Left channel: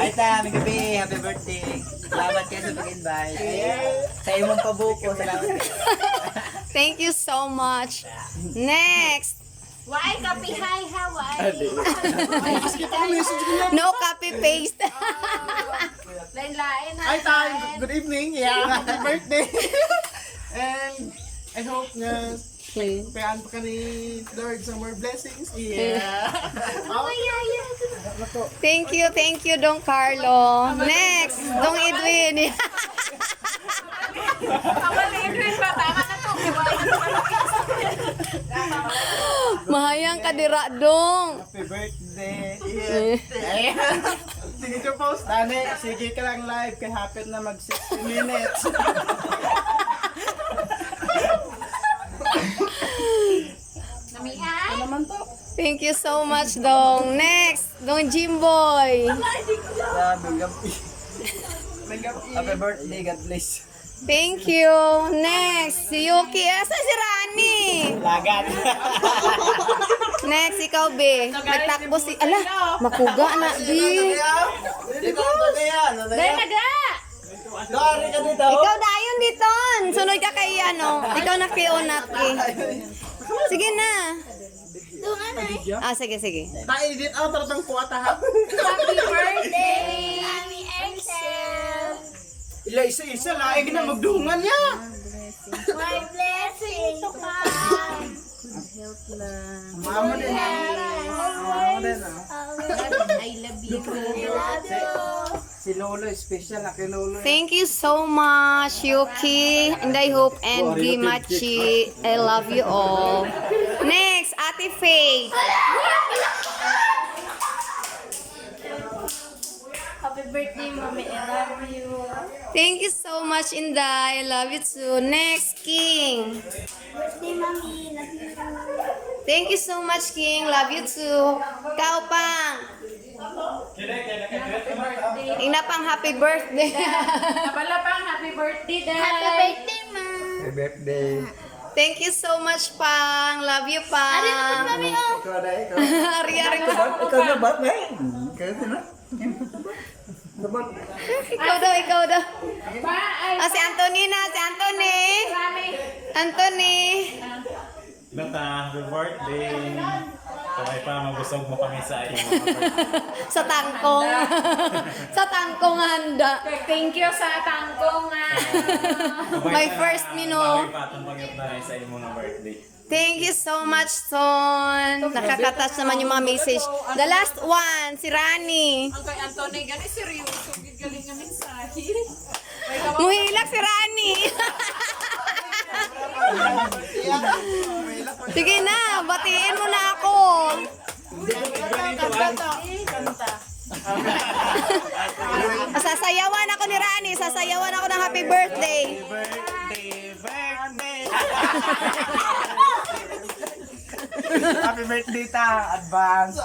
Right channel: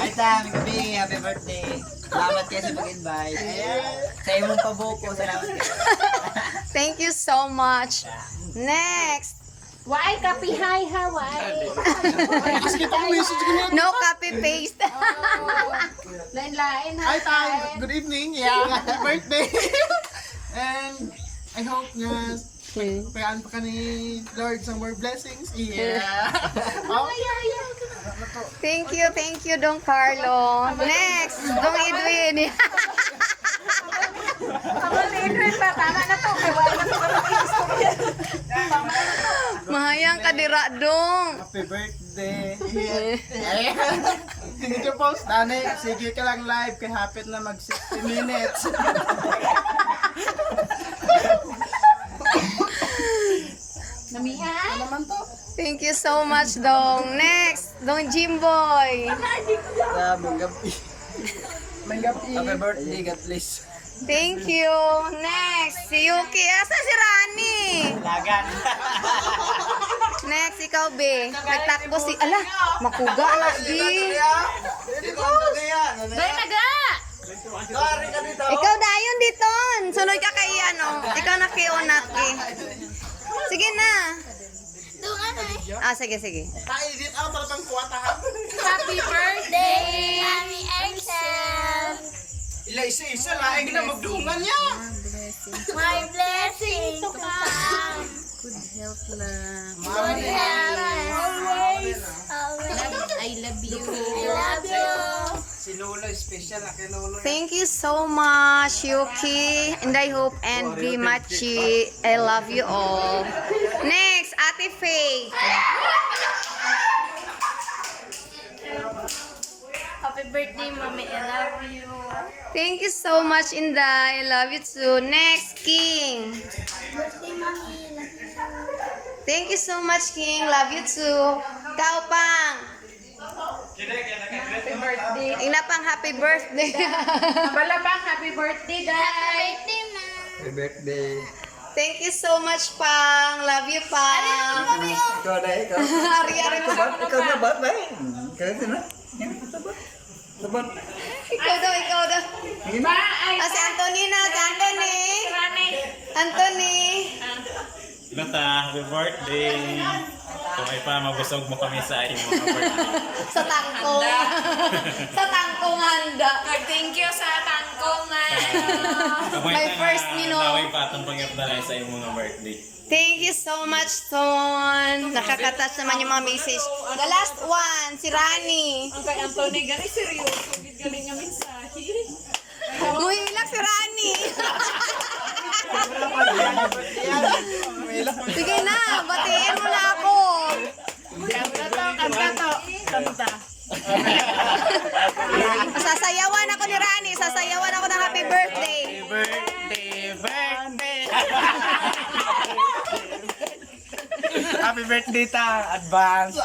Ay ta, may gabi, happy birthday. Salamat kayo sa pag-invite. Sa imong pabuko, salamat kayo. Thank you so much. Next. Why copy hi Hawaii? No copy paste. Lain-lain ha. Hi, time. Good evening. Yeah, happy birthday. And I hope na payaan pa ka ni Lord some more blessings. Yeah. Thank you, Don Carlo. Next, Don Edwin. Tama na to. Mahayang kadira, Dong. Happy birthday. Yeah. Tingin nyo post, Dani, sige ka lang live kay hapit na mag 60 minutes. Namihan? Ano naman to? Thank you so much, Dong. Next, Dong Jimboy. May gabi. Manggap Happy birthday, God bless. Thank you. Next, si Yuki. Asa si Rani? Lagan. Next, ikaw, Be. Nagtakbo si... Ala, makuga na, Be. Ikaw ang tagayan. Doy taga! Sorry ka dito. Ikaw dayon diton. Sunod ka kay ano. Ikaw na kiunat, eh. Sige na. Ah, sige. Tayo din ang talagang kuwata ha. Happy birthday! Happy Excel! Ila isa-isa laing na magdungan niya. My blessing to come! Mama din. Always! I love you! I love you! Si Lolo, special na kay Lolo. Thank you so much, Yuki. And I hope and be Machi. I love you all. Next, Ate Faye. Happy birthday, Mommy! I love you! Thank you so much, Inday. I love you too. Next, King. Birthday, Mommy! Love you! Thank you so much, King. Love you too. Kaupang. Happy birthday! Ina pang happy birthday. Wala pang happy birthday, Day! Happy birthday, Ma! Happy birthday. Thank you so much, Pang. Love you, Pang. Ikaw na, ikaw. Ari-ari mo. Ikaw na ba, ba? Ikaw na. Sabat. Ikaw daw. Pa! Ay! Ah, si Anthony na. Si Anthony. Rani! Anthony. Bata, happy birthday! Kamay pa, mabusog mo kami sa iyong mga birthday. Sa tangkong. Sa tangkong handa. Thank you sa tangkong, Ma! My first mino. Naway pa itong pangyap na lang sa iyong mga birthday. Thank you so much, Son. Nakakatouch naman yung mga message. The last one, si Rani. Ang kay Anthony, gani seryoso. Galing nga mensahe. Muhilak si Rani. Sige na, batiin mo na ako. Sasayawan ako ni Rani. Sasayawan ako ng happy birthday. Happy birthday ta, advance.